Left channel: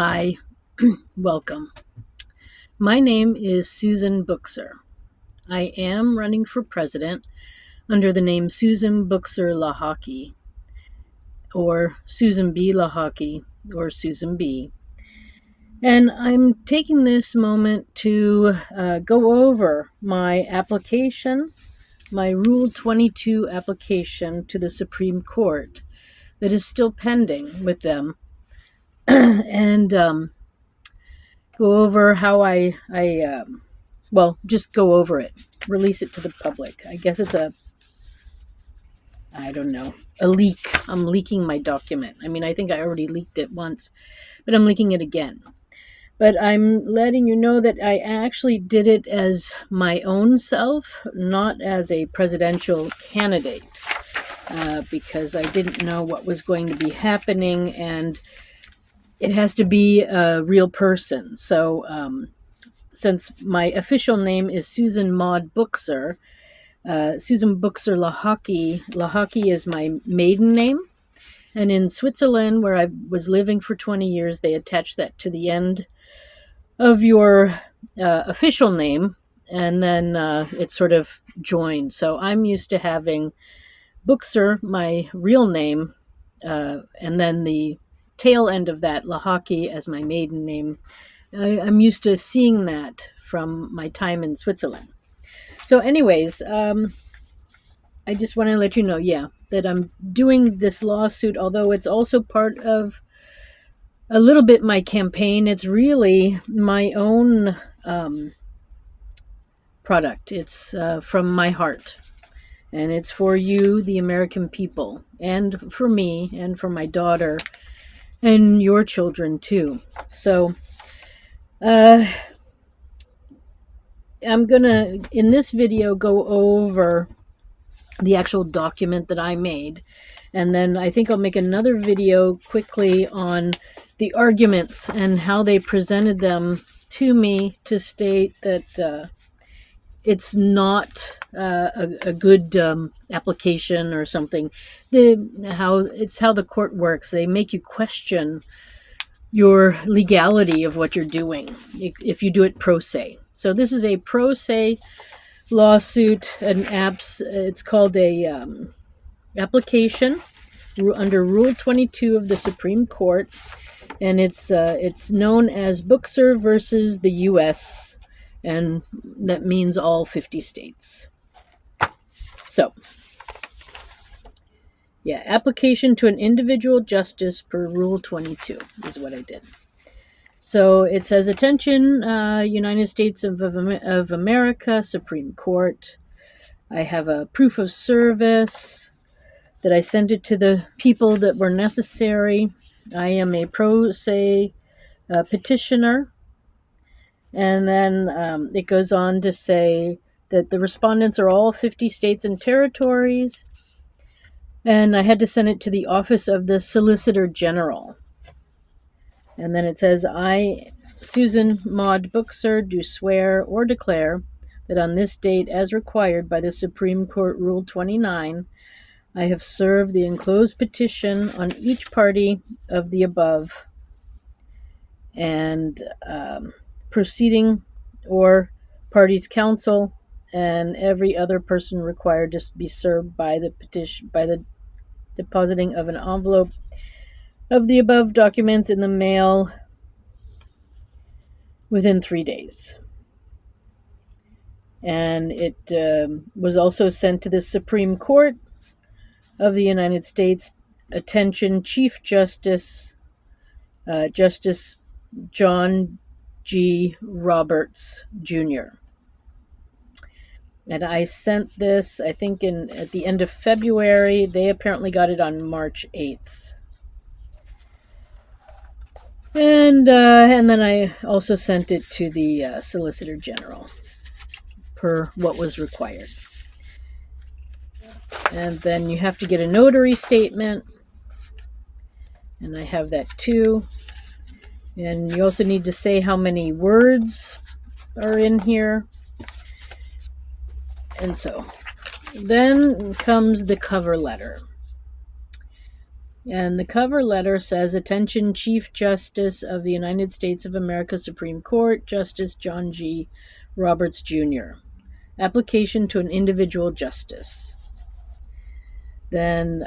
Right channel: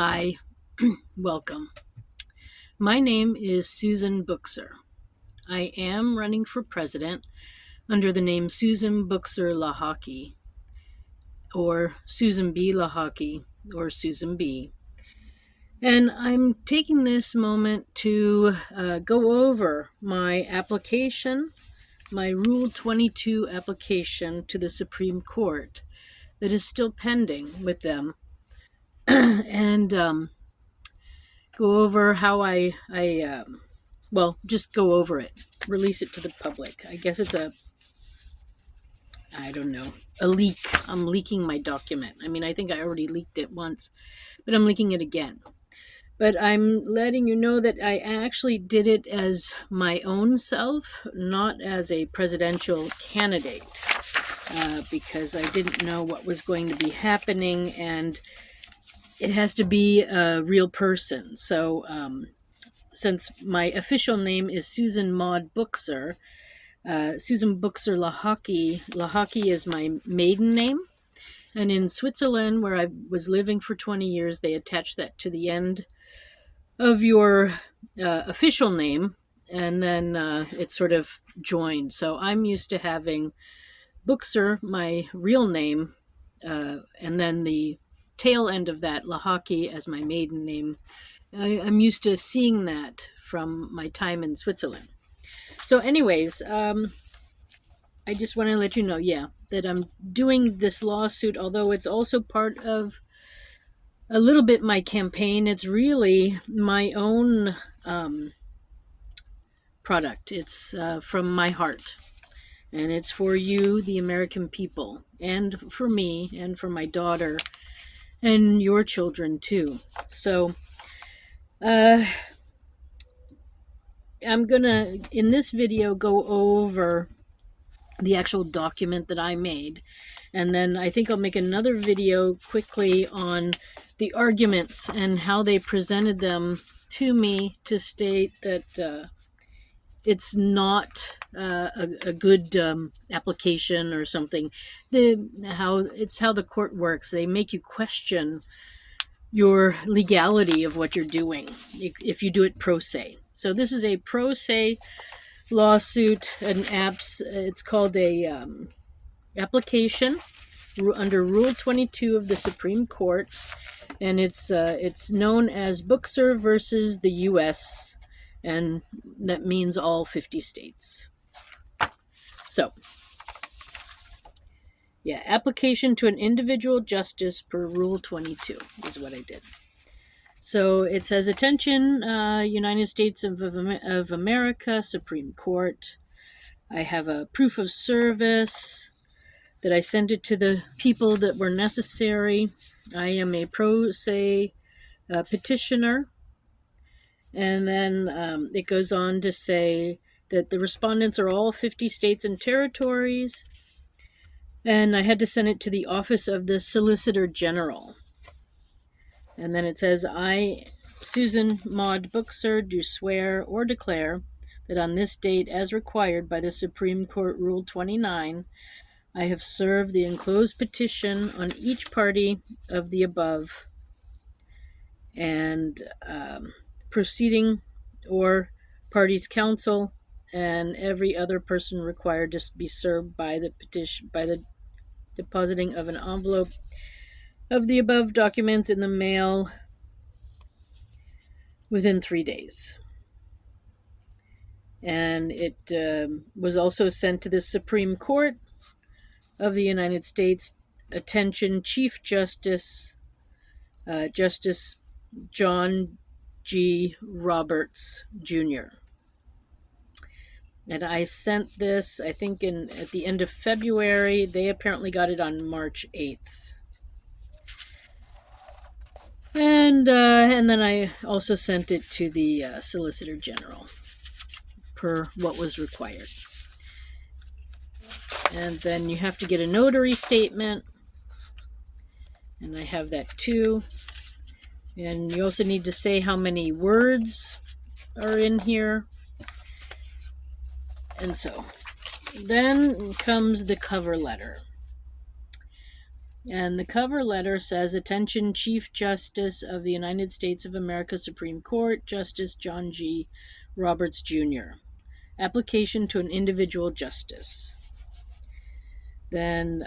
Hi, welcome. My name is Susan Buchser. I am running for president under the name Susan Buchser-Lochocki, or Susan B. Lochocki, or Susan B. And I'm taking this moment to go over my application, my Rule 22 application to the Supreme Court that is still pending with them, and go over how just go over it, release it to the public. I guess it's I don't know, a leak. I'm leaking my document. I mean, I think I already leaked it once, but I'm leaking it again. But I'm letting you know that I actually did it as my own self, not as a presidential candidate, because I didn't know what was going to be happening, and it has to be a real person. So since my official name is Susan Maude Buchser, Susan Buchser-Lochocki. Lochocki is my maiden name. And in Switzerland, where I was living for 20 years, they attach that to the end of your official name, and then it's sort of joined. So I'm used to having Buchser, my real name, and then the tail end of that, Lochocki, as my maiden name. I'm used to seeing that from my time in Switzerland. So anyways, I just want to let you know, that I'm doing this lawsuit, although it's also part of a little bit my campaign. It's really my own product. It's from my heart. And it's for you, the American people, and for me, and for my daughter, and your children too. So I'm gonna, in this video, go over the actual document that I made, and then I think I'll make another video quickly on the arguments and how they presented them to me to state that it's not a good application or something. How the court works. They make you question your legality of what you're doing if you do it pro se. So this is a pro se lawsuit, it's called a application under Rule 22 of the Supreme Court, and it's known as Buchser versus the U.S., and that means all 50 states. So, application to an individual justice per Rule 22 is what I did. So it says, attention, United States of America, Supreme Court. I have a proof of service that I sent it to the people that were necessary. I am a pro se petitioner. And then it goes on to say that the respondents are all 50 states and territories. And I had to send it to the Office of the Solicitor General. And then it says, I, Susan Maude Buchser, do swear or declare that on this date, as required by the Supreme Court Rule 29, I have served the enclosed petition on each party of the above, and proceeding or parties' counsel, and every other person required to be served by the petition by the depositing of an envelope of the above documents in the mail within 3 days. And it was also sent to the Supreme Court of the United States. Attention, Chief Justice, Justice John G. Roberts, Jr. And I sent this, I think, at the end of February. They apparently got it on March 8th. And then I also sent it to the Solicitor General per what was required. And then you have to get a notary statement, and I have that too. And you also need to say how many words are in here. And so then comes the cover letter. And the cover letter says, "Attention, Chief Justice of the United States of America Supreme Court, Justice John G. Roberts, Jr. Application to an individual justice." Then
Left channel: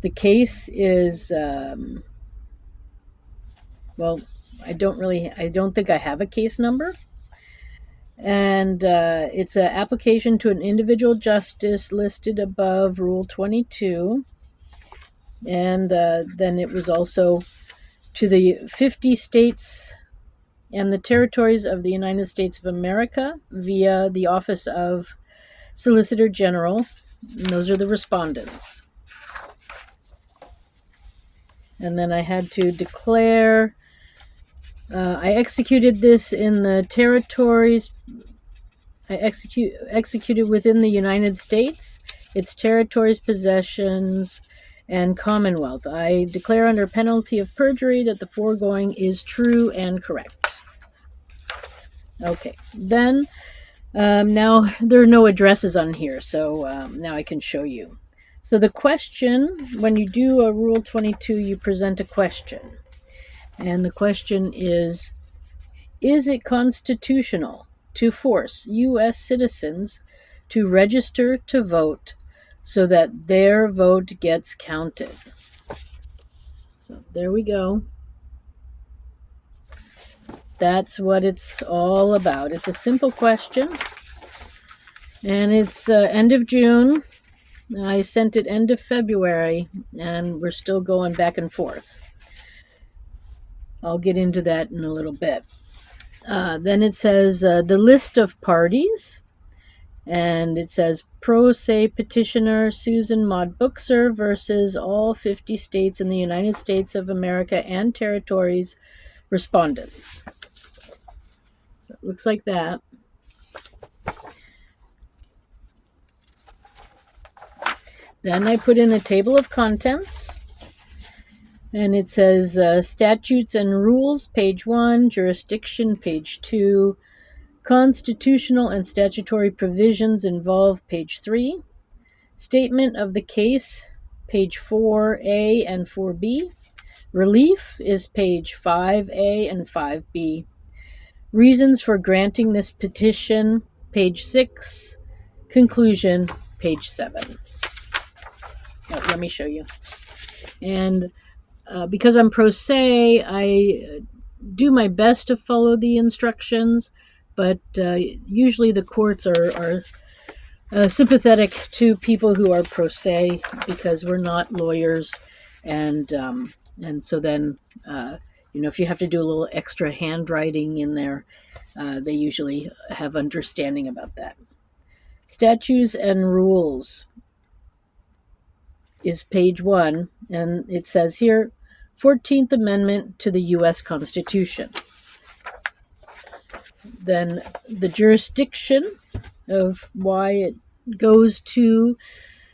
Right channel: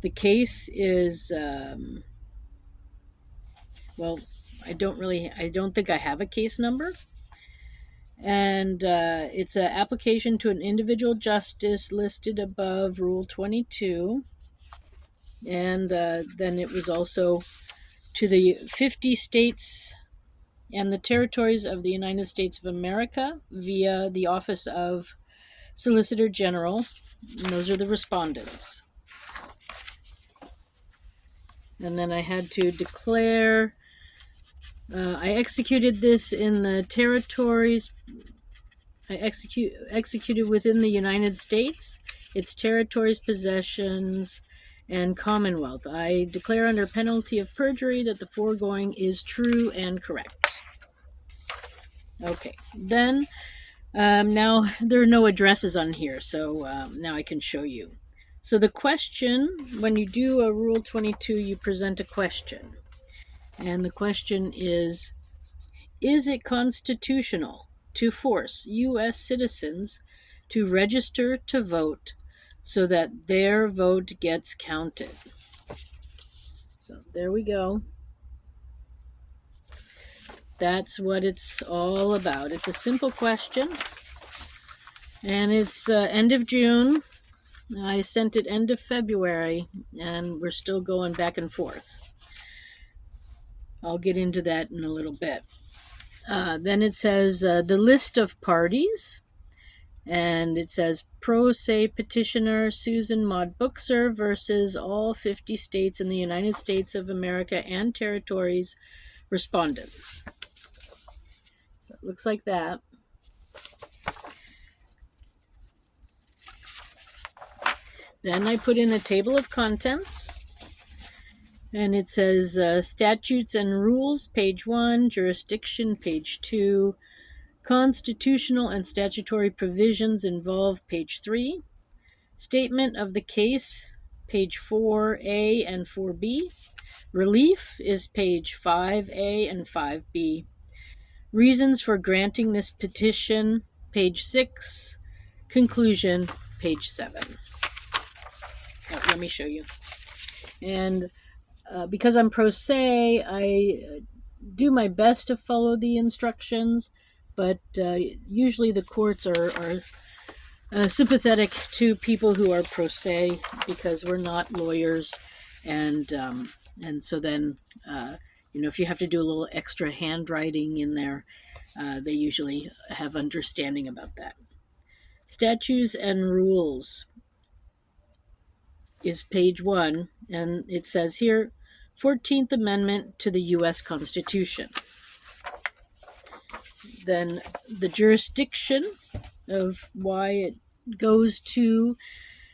the case is, well, I don't think I have a case number. And it's an application to an individual justice listed above Rule 22. And then it was also to the 50 states and the territories of the United States of America via the Office of Solicitor General. And those are the respondents. And then I had to declare, I executed this in the territories. I executed within the United States, its territories, possessions, and Commonwealth. I declare under penalty of perjury that the foregoing is true and correct. Okay, then now there are no addresses on here, so now I can show you. So the question, when you do a Rule 22, you present a question. And the question is it constitutional to force U.S. citizens to register to vote so that their vote gets counted? So there we go. That's what it's all about. It's a simple question. And it's end of June. I sent it end of February, and we're still going back and forth. I'll get into that in a little bit. Then it says the list of parties, and it says pro se petitioner SUSAN MAUDE BUCHSER versus all 50 states in the United States of America and territories respondents. So it looks like that. Then I put in a table of contents, and it says statutes and rules, page 1, jurisdiction, page 2, constitutional and statutory provisions involved, page 3, statement of the case, page 4A and 4B, relief is page 5A and 5B, reasons for granting this petition, page 6, conclusion, page 7. Let me show you. And because I'm pro se, I do my best to follow the instructions, but usually the courts are sympathetic to people who are pro se because we're not lawyers, and so then if you have to do a little extra handwriting in there, they usually have understanding about that. Statutes and rules is page 1, and it says here, 14th Amendment to the U.S Constitution. Then the jurisdiction of why it goes to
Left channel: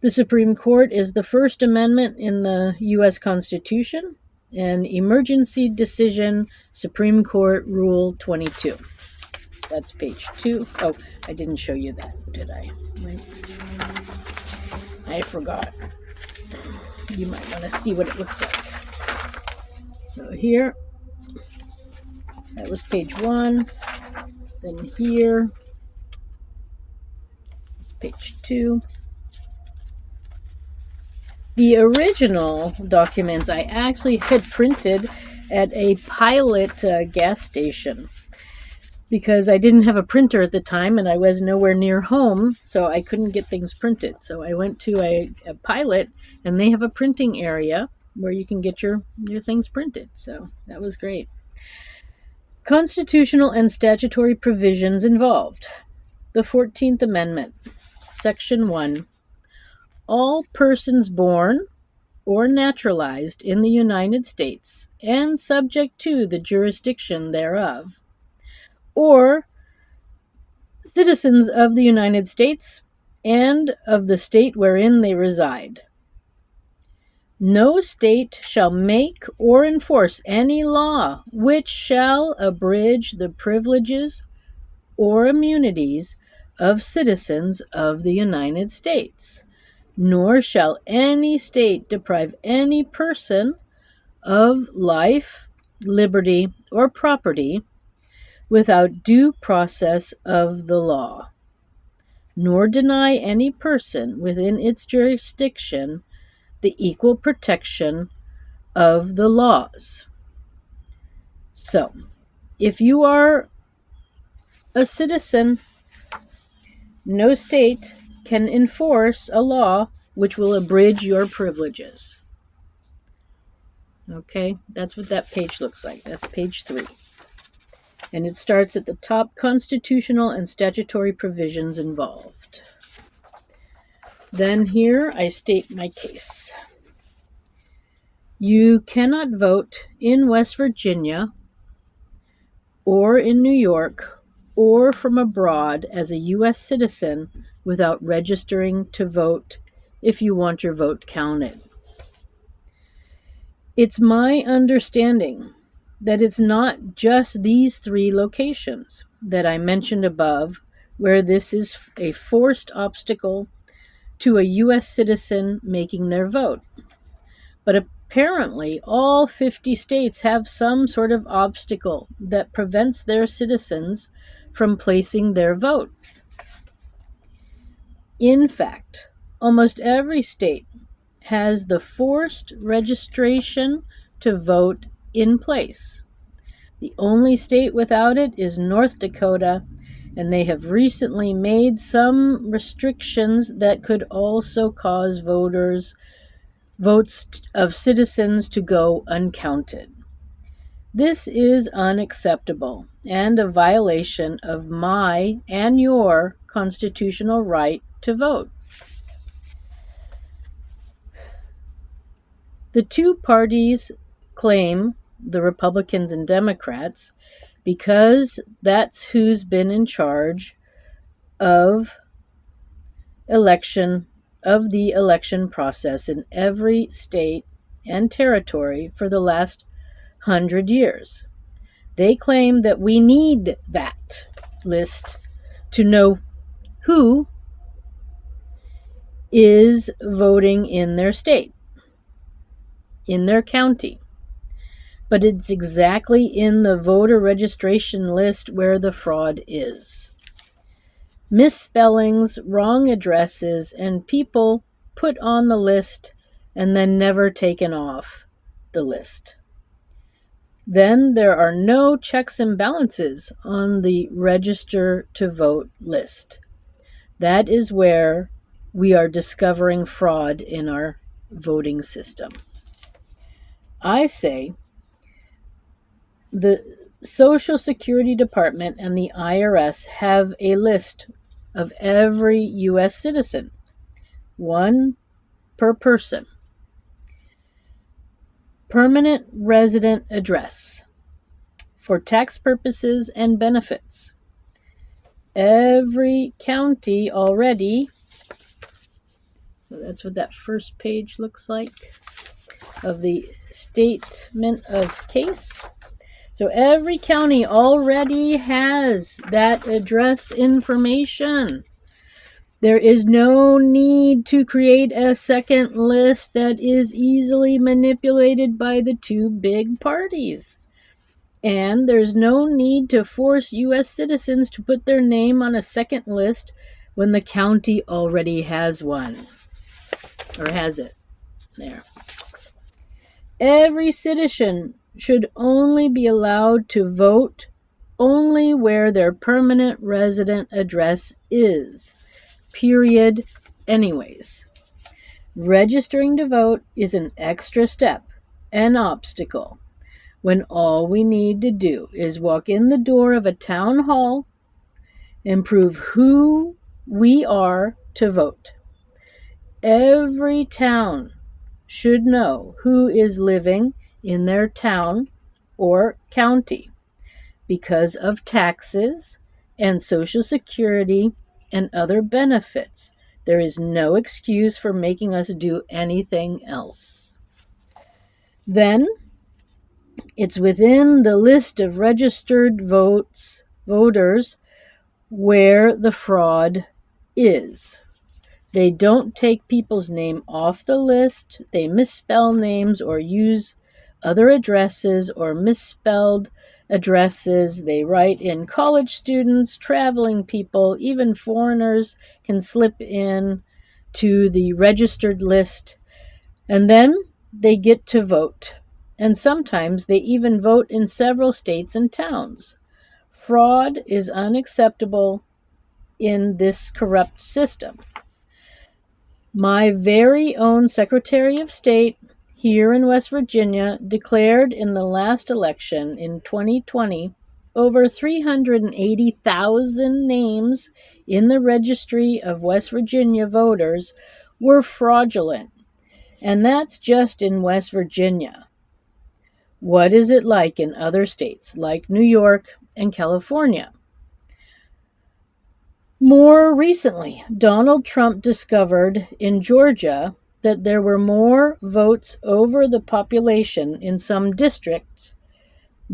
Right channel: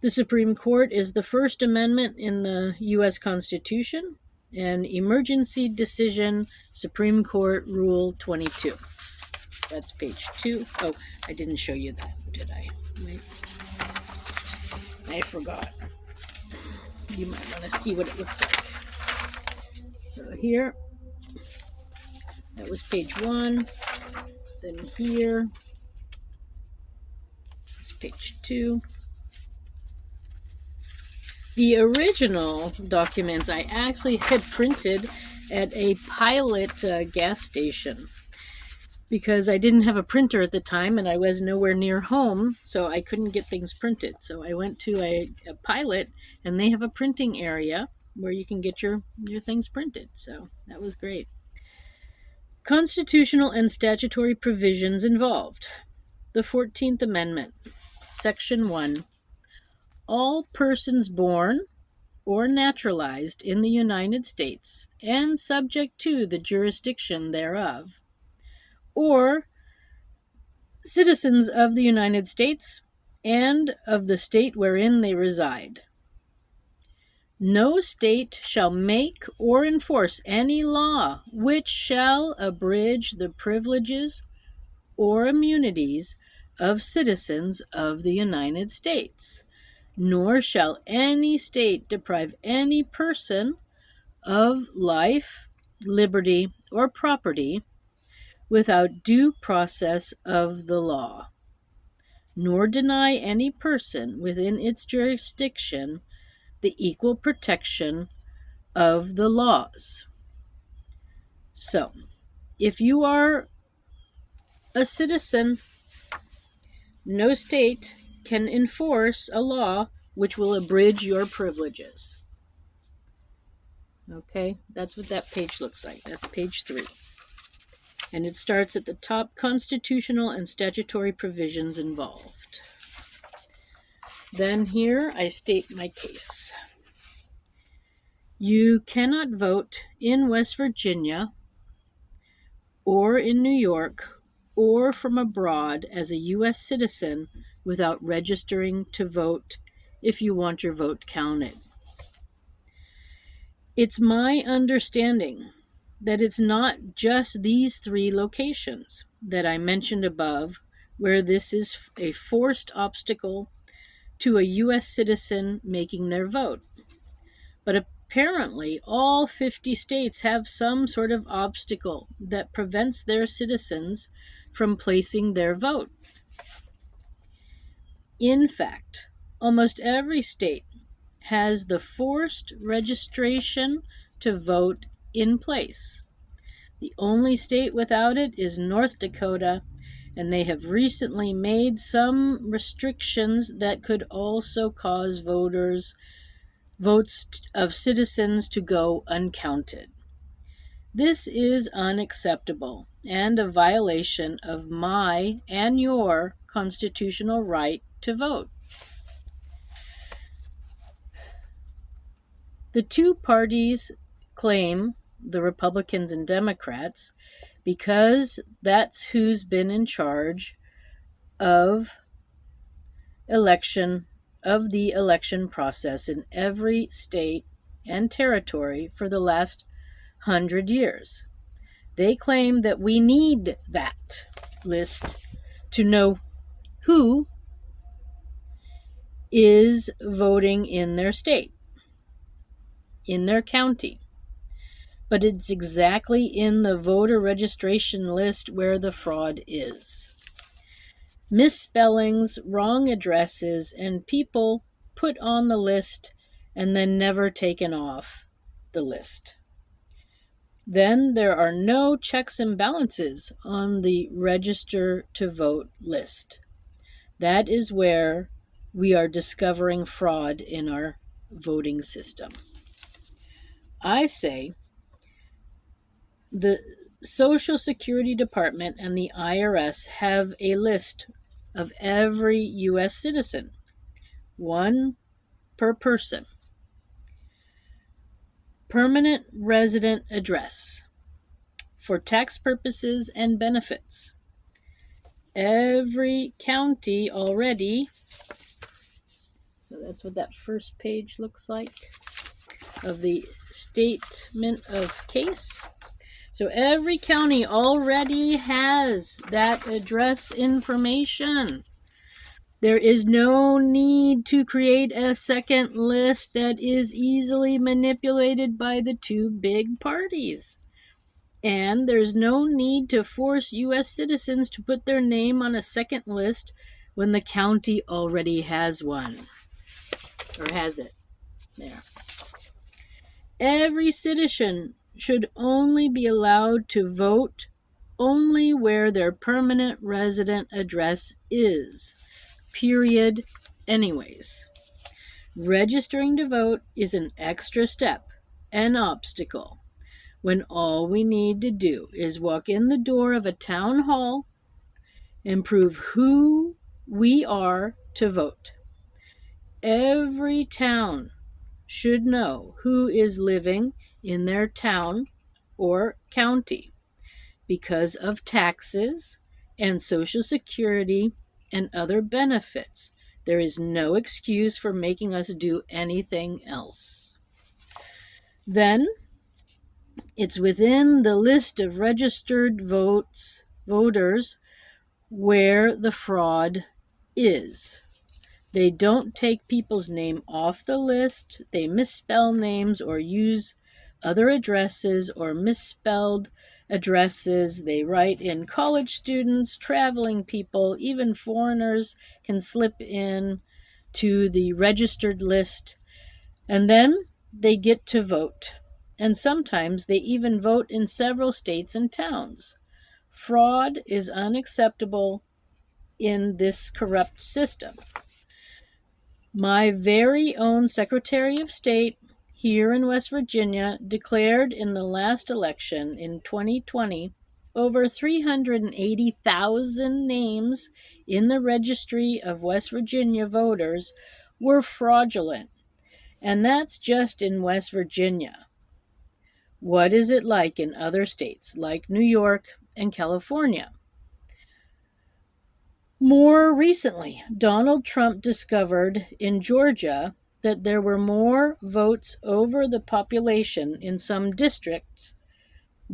the Supreme Court is the First Amendment in the U.S Constitution and emergency decision, Supreme Court Rule 22. That's page 2. Oh, I didn't show you that, did I? Wait. I forgot. You might want to see what it looks like. So here, that was page 1. Then here is page 2. The original documents I actually had printed at a pilot gas station because I didn't have a printer at the time and I was nowhere near home, so I couldn't get things printed. So I went to a pilot, and they have a printing area where you can get your things printed. So that was great. Constitutional and statutory provisions involved. The 14th Amendment, Section 1. All persons born or naturalized in the United States and subject to the jurisdiction thereof, or citizens of the United States and of the state wherein they reside. No state shall make or enforce any law which shall abridge the privileges or immunities of citizens of the United States. nor shall any state deprive any person of life, liberty, or property without due process of the law, nor deny any person within its jurisdiction the equal protection of the laws. So, if you are a citizen, no state can enforce a law which will abridge your privileges. Okay, that's what that page looks like. That's page 3. And it starts at the top, constitutional and statutory provisions involved. Then here I state my case. You cannot vote in West Virginia or in New York or from abroad as a U.S. citizen without registering to vote if you want your vote counted. It's my understanding that it's not just these 3 locations that I mentioned above where this is a forced obstacle to a U.S. citizen making their vote. But apparently all 50 states have some sort of obstacle that prevents their citizens from placing their vote. In fact, almost every state has the forced registration to vote in place. The only state without it is North Dakota, and they have recently made some restrictions that could also cause votes of citizens to go uncounted. This is unacceptable and a violation of my and your constitutional right to vote. The 2 parties claim, the Republicans and Democrats, because that's who's been in charge of the election process in every state and territory for the last 100 years. They claim that we need that list to know who is voting in their state, in their county. But it's exactly in the voter registration list where the fraud is. Misspellings, wrong addresses, and people put on the list and then never taken off the list. Then there are no checks and balances on the register to vote list. That is where we are discovering fraud in our voting system. I say the Social Security Department and the IRS have a list of every U.S. citizen, 1 per person. Permanent resident address for tax purposes and benefits. Every county already, so that's what that first page looks like of the statement of case. So every county already has that address information. There is no need to create a second list that is easily manipulated by the 2 big parties. And there's no need to force U.S. citizens to put their name on a second list when the county already has one. Or has it. There. Every citizen should only be allowed to vote only where their permanent resident address is. Period. Anyways. Registering to vote is an extra step, an obstacle, when all we need to do is walk in the door of a town hall and prove who we are to vote. Every town should know who is living in their town or county because of taxes and Social Security and other benefits. There is no excuse for making us do anything else. Then, it's within the list of registered voters where the fraud is. They don't take people's name off the list. They misspell names or use other addresses or misspelled addresses. They write in college students, traveling people, even foreigners can slip in to the registered list. And then they get to vote. And sometimes they even vote in several states and towns. Fraud is unacceptable in this corrupt system. My very own Secretary of State here in West Virginia declared in the last election in 2020 over 380,000 names in the registry of West Virginia voters were fraudulent. And that's just in West Virginia. What is it like in other states like New York and California? More recently, Donald Trump discovered in Georgia that there were more votes over the population in some districts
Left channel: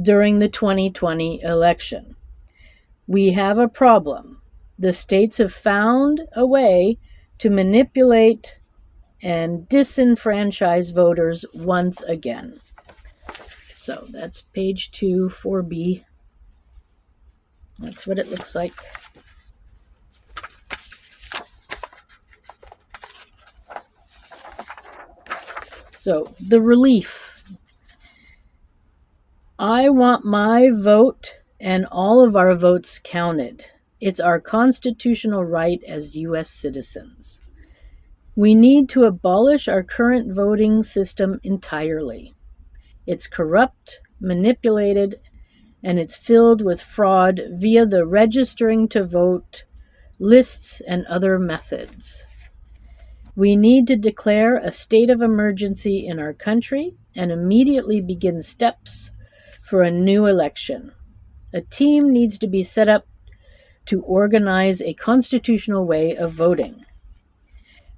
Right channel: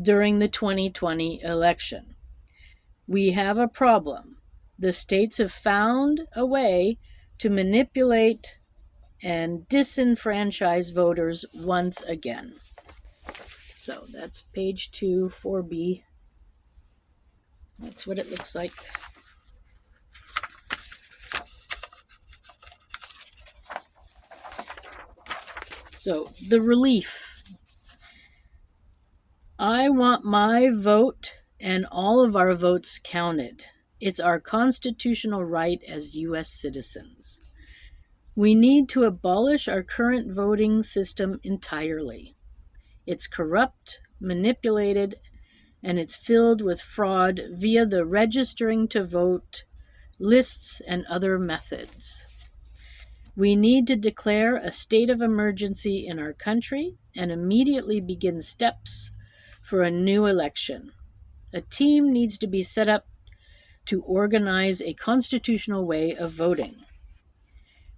during the 2020 election. We have a problem. The states have found a way to manipulate and disenfranchise voters once again. So that's page 2, 4B. That's what it looks like. So the relief. I want my vote and all of our votes counted. It's our constitutional right as U.S. citizens. We need to abolish our current voting system entirely. It's corrupt, manipulated, and it's filled with fraud via the registering to vote lists and other methods. We need to declare a state of emergency in our country and immediately begin steps for a new election. A team needs to be set up to organize a constitutional way of voting.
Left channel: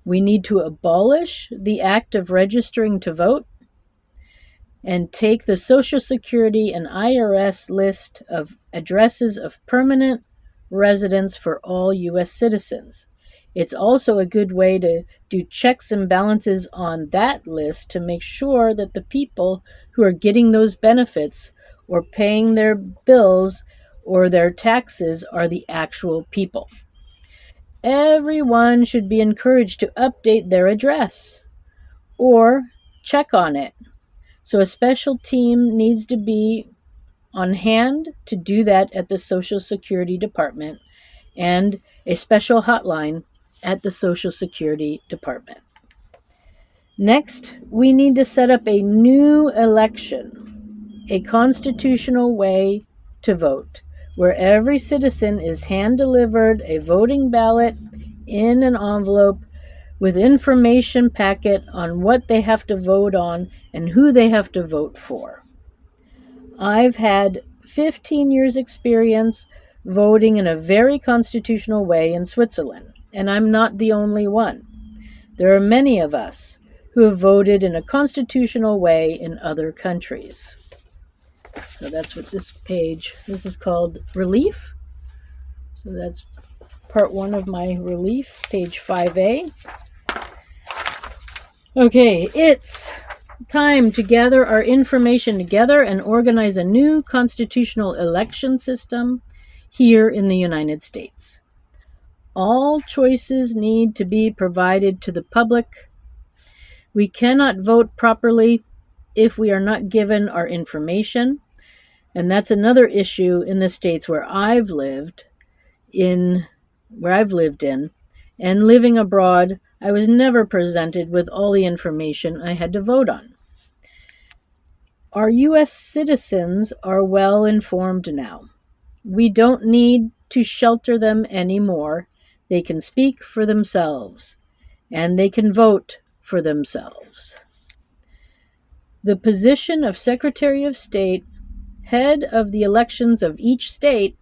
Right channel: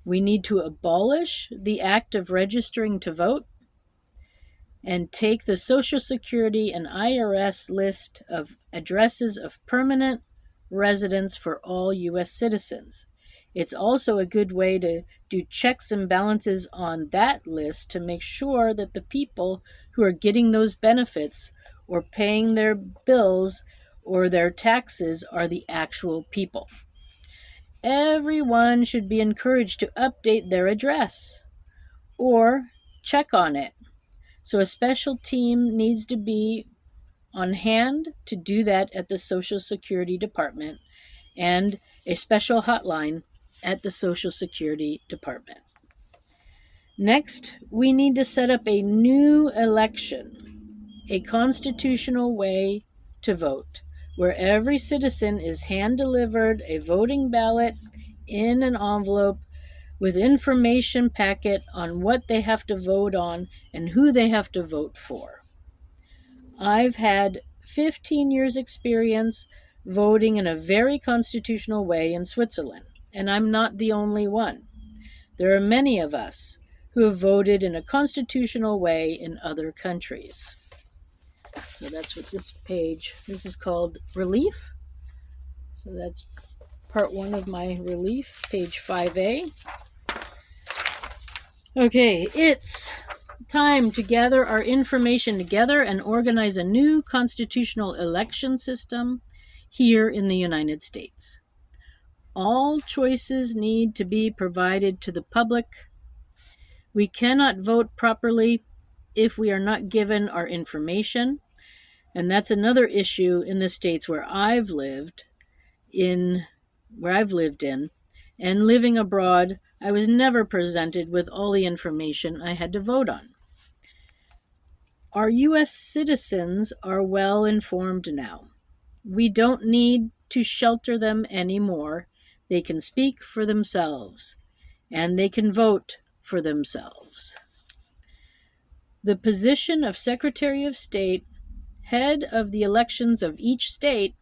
We need to abolish the act of registering to vote and take the Social Security and IRS list of addresses of permanent residence for all U.S. citizens. It's also a good way to do checks and balances on that list to make sure that the people who are getting those benefits or paying their bills or their taxes are the actual people. Everyone should be encouraged to update their address or check on it. So a special team needs to be on hand to do that at the Social Security Department and a special hotline at the Social Security Department. Next, we need to set up a new election, a constitutional way to vote, where every citizen is hand-delivered a voting ballot in an envelope with information packet on what they have to vote on and who they have to vote for. I've had 15 years experience voting in a very constitutional way in Switzerland, and I'm not the only one. There are many of us who have voted in a constitutional way in other countries. So that's what this is called Relief. So that's part 1 of my Relief, page 5A. Okay, it's time to gather our information together and organize a new constitutional election system here in the United States. All choices need to be provided to the public. We cannot vote properly if we are not given our information, and that's another issue in the states where I've lived in, and living abroad. I was never presented with all the information I had to vote on. Our U.S. citizens are well informed now. We don't need to shelter them anymore. They can speak for themselves, and they can vote for themselves. The position of Secretary of State, head of the elections of each state,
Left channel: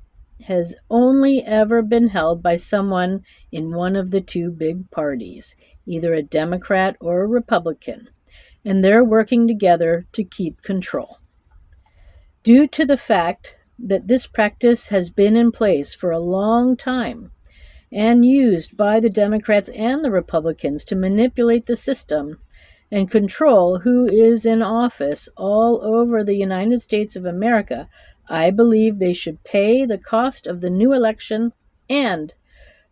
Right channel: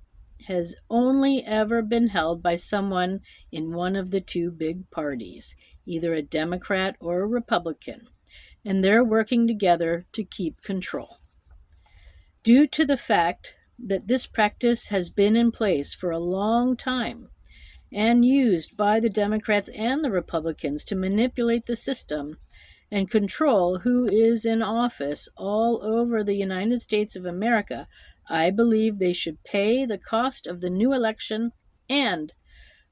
has only ever been held by someone in one of the two big parties, either a Democrat or a Republican, and they're working together to keep control. Due to the fact that this practice has been in place for a long time, and used by the Democrats and the Republicans to manipulate the system and control who is in office all over the United States of America, I believe they should pay the cost of the new election and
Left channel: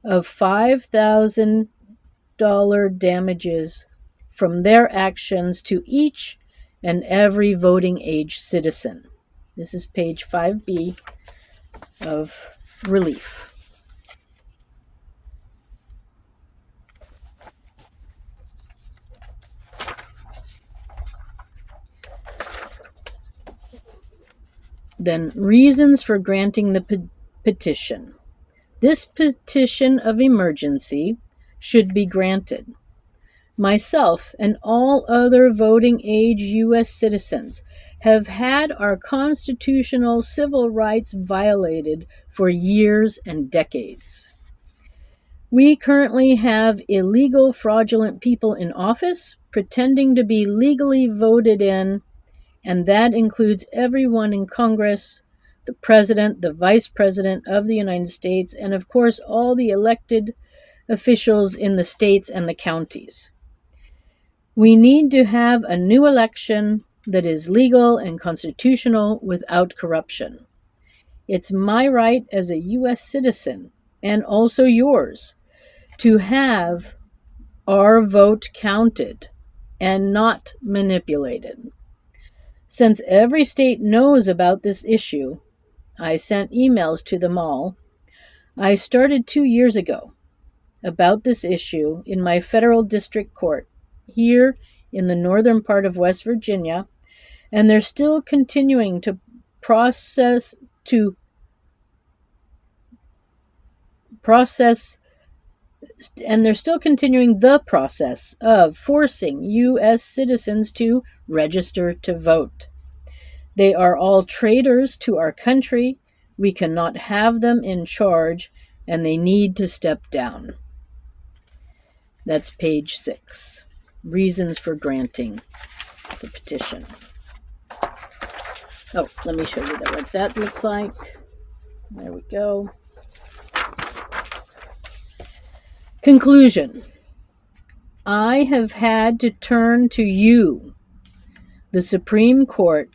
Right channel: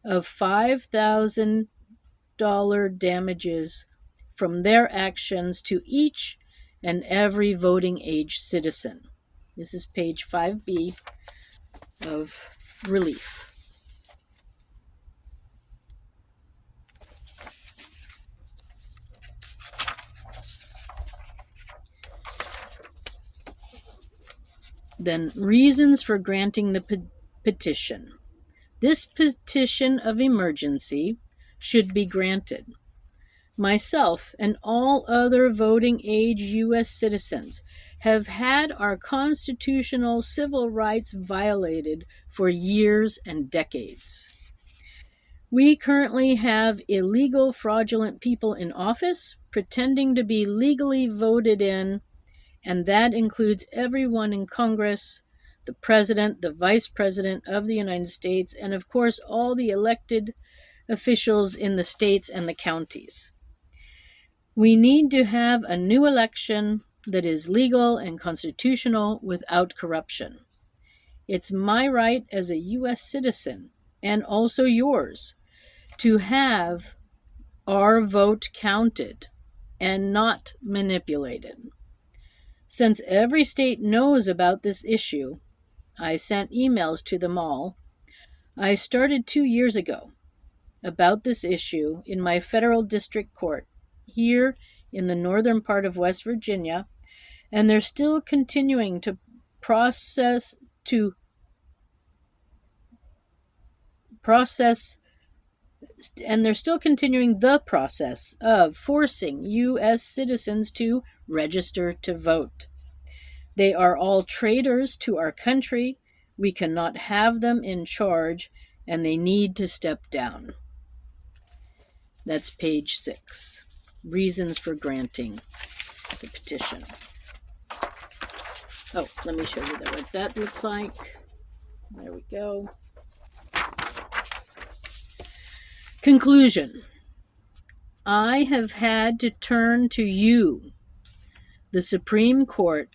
of $5,000 damages from their actions to each and every voting age citizen. This is page 5B of relief. Then, reasons for granting the petition. This petition of emergency should be granted. Myself and all other voting age U.S. citizens have had our constitutional civil rights violated for years and decades. We currently have illegal, fraudulent people in office pretending to be legally voted in, and that includes everyone in Congress, the President, the Vice President of the United States, and of course all the elected officials in the states and the counties. We need to have a new election that is legal and constitutional without corruption. It's my right as a U.S. citizen, and also yours, to have our vote counted and not manipulated. Since every state knows about this issue, I sent emails to them all. I started 2 years ago about this issue in my federal district court here in the northern part of West Virginia, and they're still continuing to process and they're still continuing the process of forcing U.S. citizens to register to vote. They are all traitors to our country. We cannot have them in charge, and they need to step down. That's page 6. Reasons for granting the petition. Oh, let me show you what that looks like. There we go. Conclusion. I have had to turn to you, the Supreme Court,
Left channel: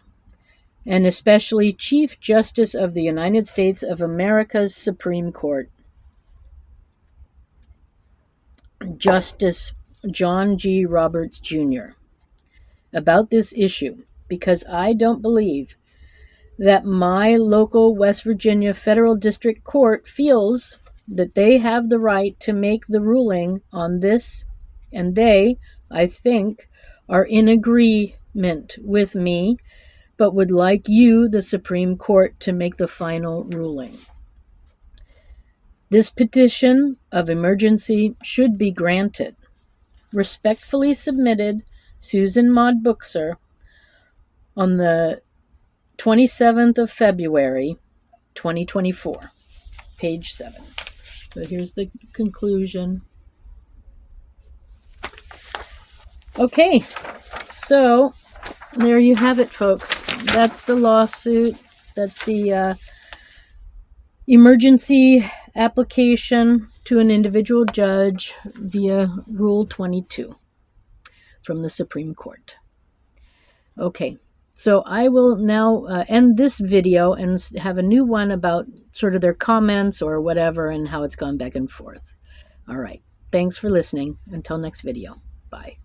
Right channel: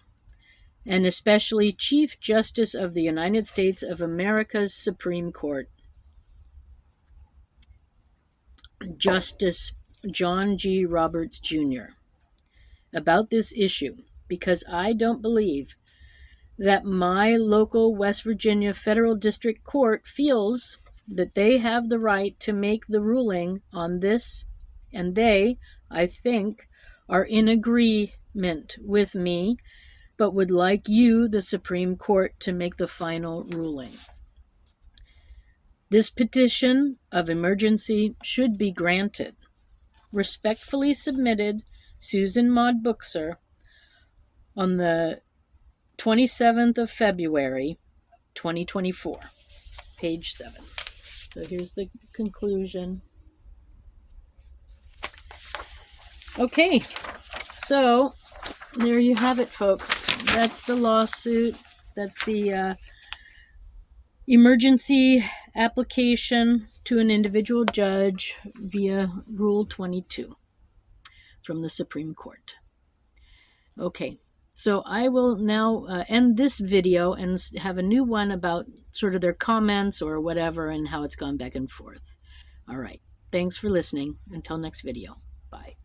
and especially Chief Justice of the United States of America's Supreme Court, Justice John G. Roberts, Jr., about this issue, because I don't believe that my local West Virginia Federal District Court feels that they have the right to make the ruling on this, and they, I think, are in agreement with me, but would like you, the Supreme Court, to make the final ruling. This petition of emergency should be granted. Respectfully submitted, SUSAN MAUDE BUCHSER, on the 27th of February, 2024, page 7. So here's the conclusion. Okay, so there you have it, folks. That's the lawsuit. That's the emergency application to an individual judge via Rule 22 from the Supreme Court. Okay, so I will now end this video and have a new one about sort of their comments or whatever and how it's gone back and forth. All right, thanks for listening. Until next video. Bye.